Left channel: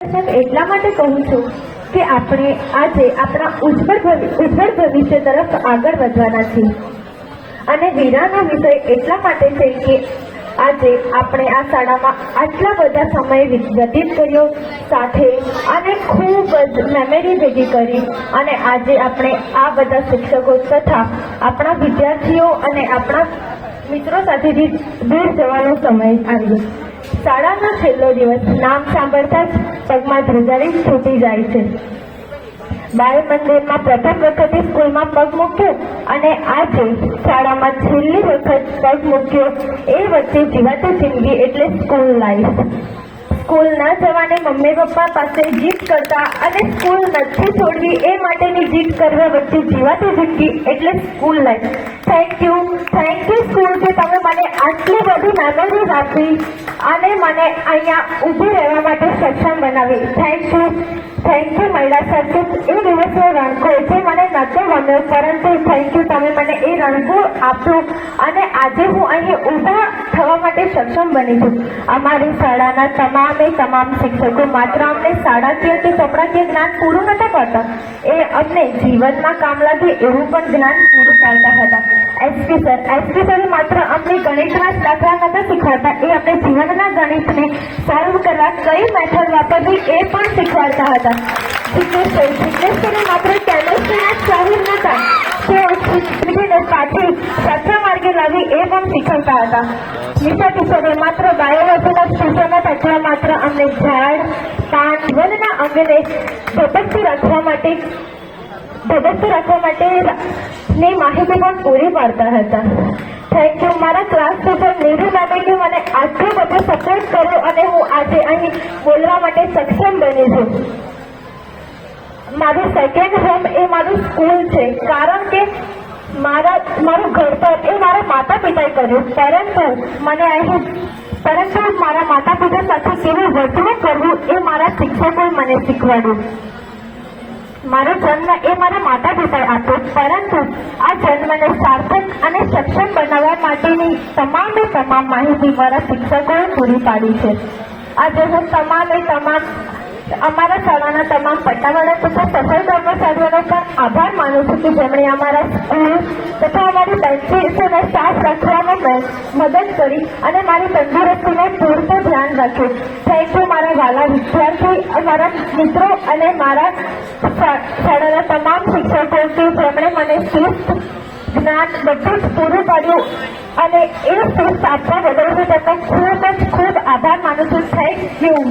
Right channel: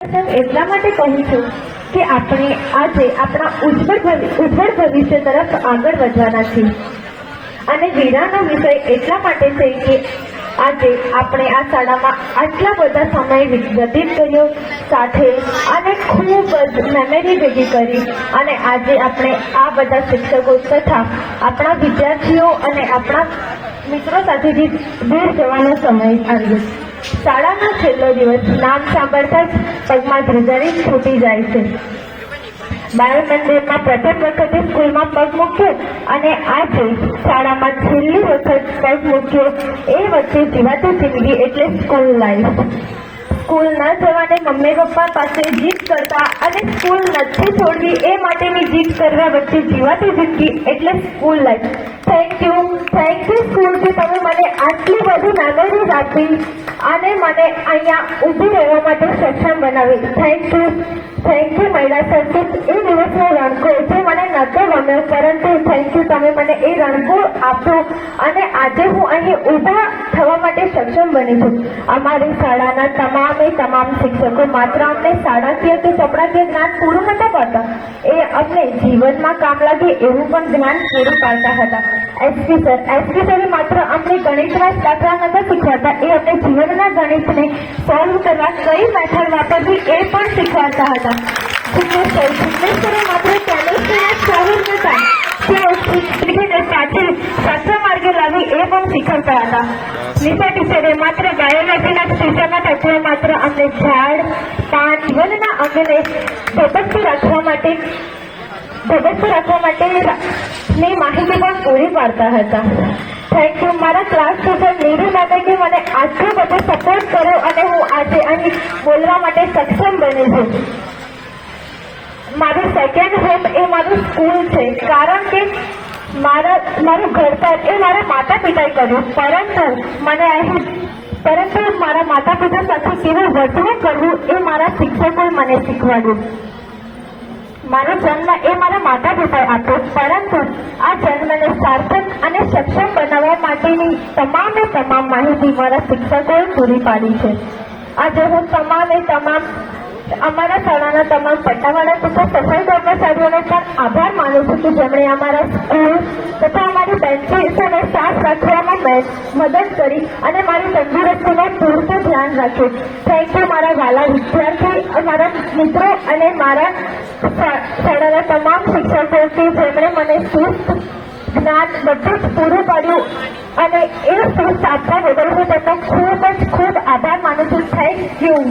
એટલા માટે કહું છું કે આપણે આજે આપણા ઉજ્જવળ ઉજ્જવળ ભવિષ્ય તરફ આગળ વધવાના છીએ. અને વીરાનો વિષય એટલા માટે છે કે આજે આપણે આ શાળામાં આટલા બધા સમય વ્યતીત કર્યો, સાથે અને ખૂબ જ મેમરી ભેગી કરી. અને આજે આપણે આ બધા શિક્ષકો તથા આપણા વિદ્યાર્થીઓ અને આપણા મિત્રો સાથેથી દૂર જવાનો સમય આવ્યો શાળાનો છેલ્લો દિવસ નામ સાંભળતા જ પગમાં ધ્રુજારી છૂટી જાય છે. બાળ મંદિરમાં પ્રથમ વખતે સ્કૂલમાં પગ મૂક્યો અને આજે શાળામાં છેલ્લી વખત પગ મૂક્યો. એ વચ્ચે જીવાતી જિંદગી એટલે સ્કૂલ લાઈફ. સ્કૂલ ન જવાને મમ્મી પપ્પા પાસે જીત કરતા અને સ્કૂલ નથી છોડવી એ માટેની જીત કરવા વચ્ચે જીવાતી જિંદગી એટલે સ્કૂલ લાઈફ. થેન્ક તમે મને આટલી બધી મેમરીઝ આપી અને મને અહીંયા ઊભી રહેવા માટે સક્ષમ બનાવી. થેન્ક યુ થેન્ક યુ મહિલા સર એ દિવસનો રણકો જે મને નહોતો ગમ્યો, પરંતુ થેન્ક યુ તમે મને એ રણકો આપ્યો અને આજે હું અહીં ઊભા થવા માટે સક્ષમ બની છું. અમારી શાળાના તમામે તમામ શિક્ષકો માત્ર અમને શાળાકીય કે સપડાકીય જ્ઞાન પૂરું નહોતા પાડતા. એ અમને જીવનમાં કામ લાગે એવું પણ જ્ઞાન પૂરું પાડતા હતા. એસપી સર એસપી સરે માત્ર અમને ગણિતના દાખલા નહોતા શીખવાડતા, એ અમને જીવનના ગણિતને સોલ્વ કરવા કઈ મેથડ વાપરવી એ પણ શીખવાડતા હતા. જિગ્નેશ સરે માત્ર કેમેસ્ટ્રીના શરીર નતા તેઓ સાથે સાથે સત્ય લાવી એ પણ શીખવતા હતા. નિશા ટીચરે માત્ર બાયોલોજીના જ અથવા માત્ર અમને ઝાડ પાન જીવનના અંગને ધબકતું રાખવા માટે ધબકતું રાખવા માટે ની માહિતી પણ પૂરી પાડતા હતા. થેન્ક યુ મારા ક્લાસ ટીચર નીરુ મેમે કે મને આટલો બધો સપોર્ટ કર્યો અને હું આજે અહીં બોલવા માટે સક્ષમ બની છું. મારું સેકન્ડ હોમ એ મારું સ્કૂલ છે. કારણ કે મારા, મારું ઘર પર એ મારા માતા પિતાએ કર્યું, પરંતુ મને અહીં, પરંતુ મારા માતા પિતા સાથે કેવી વર્તણૂક કરવું એ મારા શિક્ષકોએ મને શીખવાડ્યું. મારો જન્મ એ મારા માતા પિતાએ આપ્યો, પરંતુ આ જન્મને સાર્થક અને સક્ષમ બનાવવા માટેની તમામે તમામ માહિતી મારા શિક્ષકોએ પૂરી પાડી છે. આજે હું તમામે તમામ અમારા શાળાના તમામ પટ્ટાવાળા તથા સફળતાના કર્મચારીઓનો પણ આભાર માનું છું કે જેમણે અમારા સ્કૂલ તથા અમારી બેન્ચીસ અને સ્ટાફ રચવામાં મદદ કરી અને મારી તંદુરસ્તીને પૂરતું ધ્યાન રાખ્યું. થેન્ક યુ મારા વાલા વિદ્યાર્થી મારા મિત્રો અને મારા શાળાના તમામ શિક્ષકો જેમણે મને શિસ્ત, જ્ઞાન બધું પૂરું પાડ્યું અને એ શિસ્ત આપવા બદલ હું તમને ખૂબ જ ખૂબ આભાર માનું છું. Thank you